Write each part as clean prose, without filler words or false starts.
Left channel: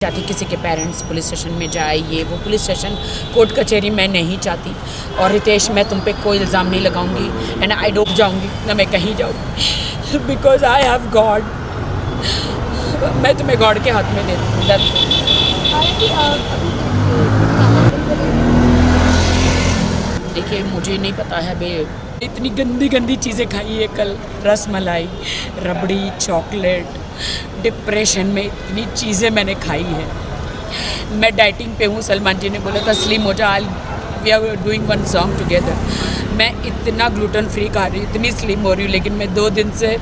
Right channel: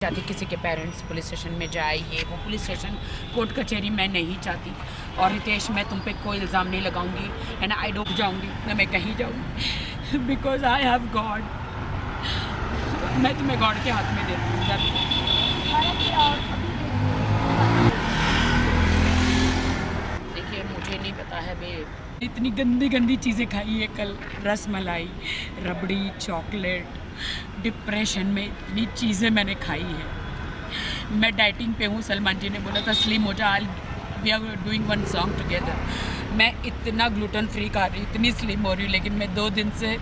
चाहती किसी के पेरेंट्स पुलिस स्टेशन में जाए, ये वो पुलिस स्टेशन कोर्ट कचहरी मैं नहीं चाहती। और रितेश, मैं तुम पे कोई इल्ज़ाम नहीं लगाऊंगी एंड आई डूब जाऊंगी ना, मैं कहीं जाऊंगी बिकॉज आई हैव गॉड। मैं तुम्हें गॉड के हाथ में देती हूँ। देखिए, मुझे नहीं पता है बे, इतनी गंदी गंदी चीज़ें खाई है कल, रस मलाई, रबड़ी, चॉकलेट, डिप्रेशन में इतनी चीज़ें मैंने खाई है। मैं डाइटिंग पे हूँ, सलमान जी ने बोला था स्लिम हो जा, we are doing one song together. मैं इतना ग्लूटेन फ्री खा रही हूँ, इतनी स्लिम हो रही हूँ, लेकिन मैं 2 दिन से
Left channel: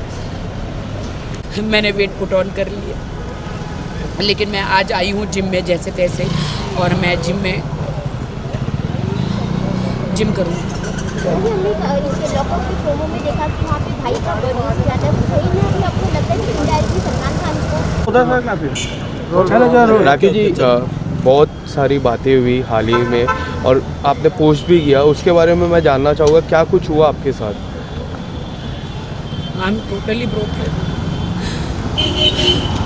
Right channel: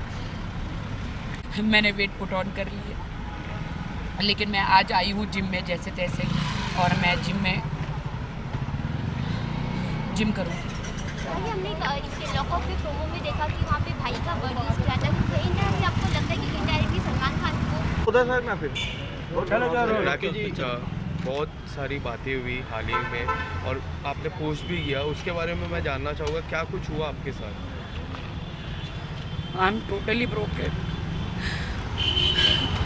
मैंने वेट पुट ऑन कर लिया। लेकिन मैं आज आई हूँ जिम में जैसे तैसे, और मैं जिम करूँगी। हमने लॉकअप के प्रोमो में देखा कि वहाँ पे भाई का बर्थ जाता है, सही में अभी आपको लगता है कि इनडायरेक्टली सलमान खान को राखी जी, बहुत सारी बातें हुई हाल ही में और आपने पोस्ट भी किया, उसके बारे में मैं जानना चाहूँगा क्या कुछ हुआ आपके साथ? I am totally broken.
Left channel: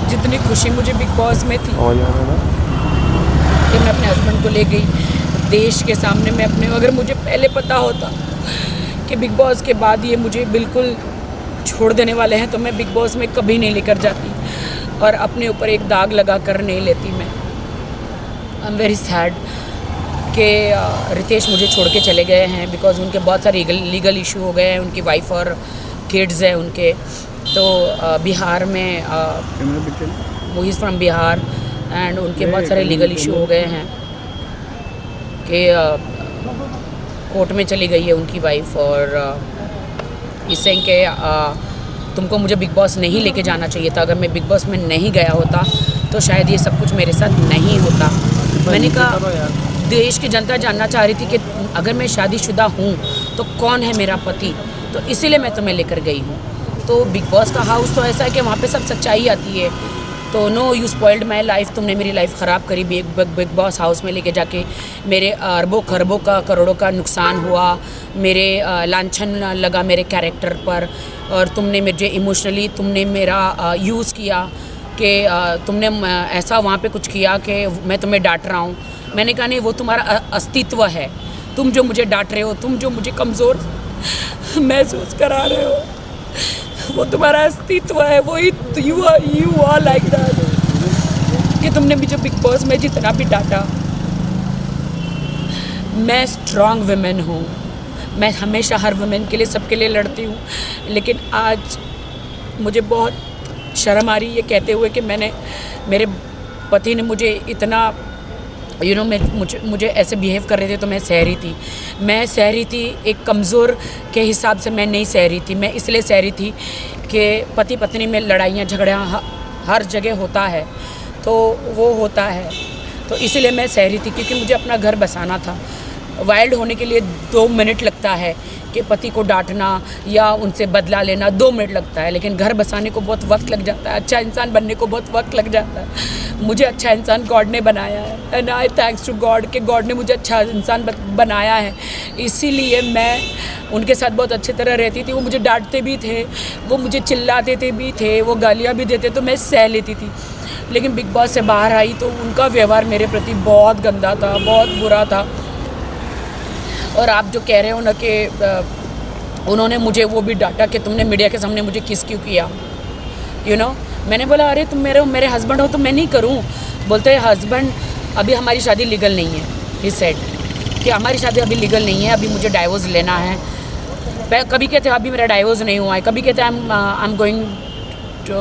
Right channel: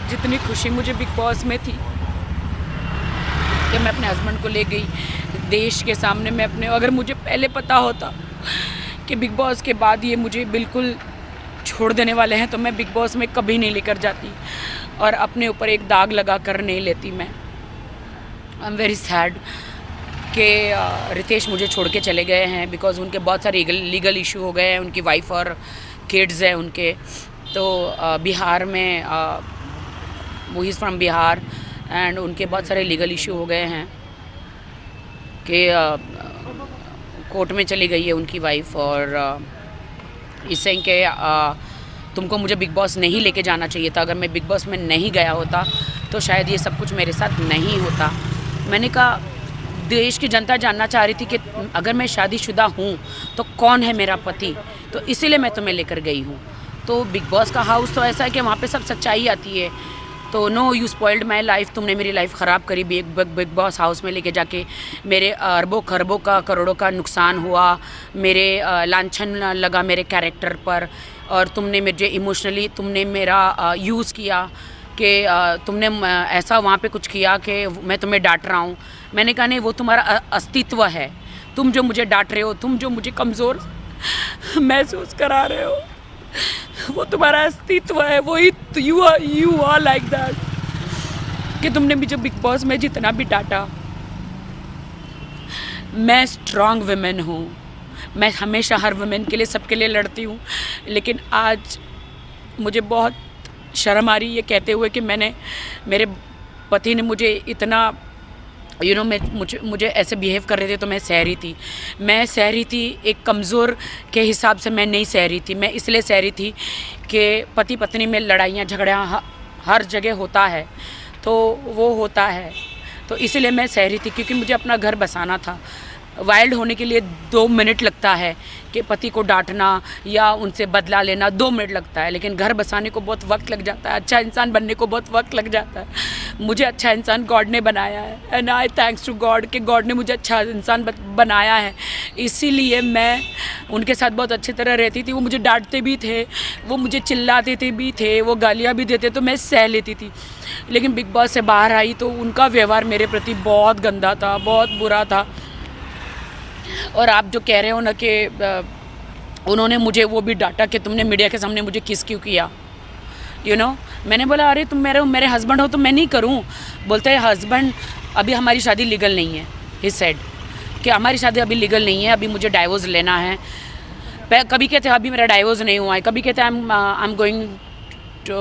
जितनी खुशी मुझे बिग बॉस में थी कि मैं अपने हस्बैंड को ले गई देश के सामने, मैं अपने, अगर मुझे पहले पता होता कि बिग बॉस के बाद ये मुझे बिल्कुल छोड़ देने वाले हैं तो मैं बिग बॉस में कभी नहीं लेकर जाती और अपने ऊपर एक दाग लगा कर नहीं लेती। मैं आई एम वेरी सैड कि रितेश मुझे छोड़ के चले गए हैं बिकॉज उनके बहुत सारे लीगल इशू हो गए हैं, उनकी वाइफ और किड्स हैं उनके। तो बिहार में वो इज़ फ्रॉम बिहार एंड उनके बहुत सारे लीगल इशू हो गए हैं कि कोर्ट में चली गई है उनकी वाइफ, और इससे कि तुमको मुझे बिग बॉस नहीं लेके जाना चाहिए था। अगर मैं बिग बॉस में नहीं गया होता तो शायद ये सब कुछ मेरे साथ नहीं होता। मैंने कहा देश की जनता जानना चाह रही थी कि अगर मैं शादीशुदा हूँ तो कौन है मेरा पति, तो इसीलिए मैं तुम्हें लेकर गई हूँ। तो बिग बॉस का हाउस तो ऐसा है कि वहाँ पे सब सच्चाई आती है। तो no, you spoiled my life, तुमने मेरी लाइफ ख़राब करी बिग बॉस हाउस में लेके जाके। मेरे अरबों खरबों का करोड़ों का नुकसान हुआ, मेरे लांछन लगा मेरे कैरेक्टर पर, और तुमने मुझे इमोशनली तुमने मेरा यूज़ किया कि तुमने ऐसा वहाँ पे कुछ किया कि मैं तुम्हें डांट रहा हूँ। मैंने कहा नहीं, वो तुम्हारा अस्तित्व है, तुम जो मुझे डांट रहे हो, तुम जो मुझे कमज़ोर महसूस करा रहे हो, वो तुम्हारा अस्तित्व है, वो यू आर लाइक दैट कि तुमने मुझे बिग बॉस में जितना भी डांटा। मैं स्ट्रॉन्ग वुमेन हूँ, मैं हमेशा हर वुमेन के लिए, सबके लिए लड़ती हूँ, लेकिन आज मुझे बहुत शर्म आ रही है ये कहते हुए कि मेरे पति ने मुझे इतना मुझे ऐसे बिहेव कर रहे थे तो मैं सह रही थी। एक कमज़ोर के हिसाब से मैं नहीं सह रही थी। मैं इसलिए सह रही थी कि पति पत्नी में लड़ाइयाँ झगड़ियाँ हर जगह होता है, तो वो होता है, तो इसलिए मैं सह रही थी क्योंकि मुझे अपना घर बसाना था। वाइल्ड होने के लिए 2 मिनट लगता है कि पति को डांटना या उनसे बदला लेना 2 मिनट लगता है, लेकिन घर बसाने को बहुत वक्त लग जाता है, अच्छा इंसान बनने को बहुत वक्त लग जाता है। मुझे अच्छा इंसान गॉड ने बनाया है and I thanks to God कि गॉड ने मुझे अच्छा इंसान बनाया है। इसीलिए मैं उनके साथ बहुत अच्छी तरह रहती थी। वो मुझे डांटते भी थे, वो मुझे चिल्लाते भी थे, वो गालियाँ भी देते, तो मैं सह लेती थी। लेकिन बिग बॉस से बाहर आई तो उनका व्यवहार मेरे प्रति बहुत गंदा था, बहुत बुरा था। और आप जो कह रहे हो ना कि उन्होंने मुझे वो भी डांटा कि तुमने मीडिया के सामने मुझे किस क्यों किया, मैंने बोला अरे तुम मेरे हस्बैंड हो तो मैं नहीं करूं। बोलते हैं हस्बैंड, अभी हमारी शादी लीगल नहीं है। ही सेड कि हमारी शादी अभी लीगल नहीं है, अभी मुझे डाइवोर्स लेना है। कभी कहते हैं अभी मेरा डाइवोर्स नहीं हुआ है, कभी कहते हैं I am going to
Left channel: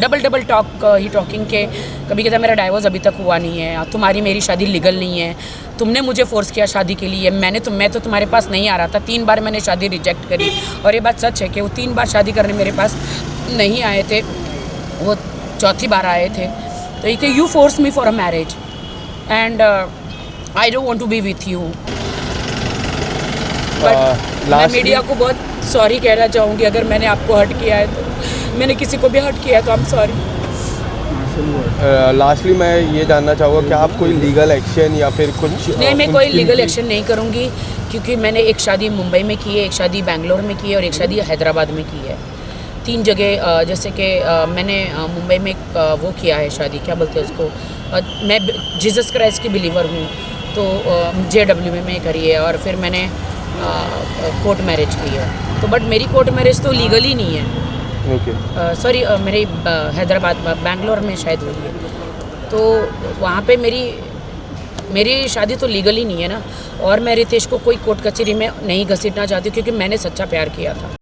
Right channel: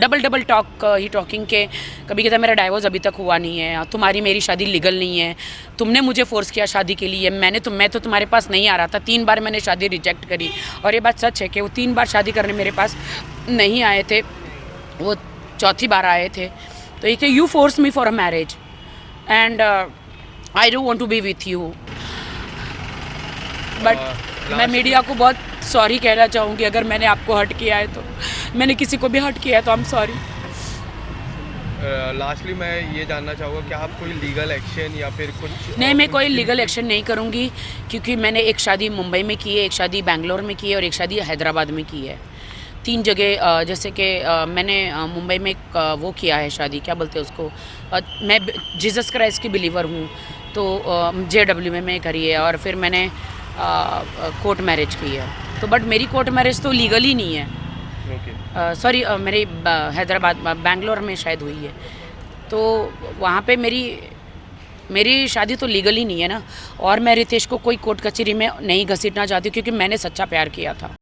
double talk ही टॉकिंग के, कभी कहते हैं मेरा डाइवोर्स अभी तक हुआ नहीं है, तुम्हारी मेरी शादी लीगल नहीं है, तुमने मुझे फोर्स किया शादी के लिए, मैं तो तुम्हारे पास नहीं आ रहा था। 3 बार मैंने शादी रिजेक्ट करी, और ये बात सच है कि वो 3 बार शादी करने मेरे पास नहीं आए थे, वो 4थी बार आए थे। तो ये कि you force me for a marriage and I don't want to be with you. But मैं मीडिया को बहुत सॉरी कहना चाहूँगी अगर मैंने आपको हर्ट किया है, तो मैंने किसी को भी हर्ट किया है तो आई एम सॉरी। लास्टली मैं ये जानना चाहूँगा क्या आप कोई लीगल एक्शन या फिर कुछ? नहीं, मैं कोई लीगल एक्शन नहीं करूँगी क्योंकि मैंने एक शादी मुंबई में की है, एक शादी बेंगलोर में की है और एक शादी हैदराबाद में की है। 3 जगह जैसे कि मैंने मुंबई में वो किया है शादी, क्या बोलते हैं उसको, मैं जीसस क्राइस्ट की बिलीवर हूँ, तो JW में करी है, और फिर मैंने कोर्ट मैरिज की है। तो बट मेरी कोर्ट मैरिज तो लीगली नहीं है, ओके। सॉरी मेरी हैदराबाद बैंगलोर में शायद हुई है, तो वहाँ पे मेरी शादी तो लीगली नहीं है ना। और मैं रितेश को कोई कोर्ट कचहरी में नहीं घसीटना चाहती, क्योंकि मैंने सच्चा प्यार किया था।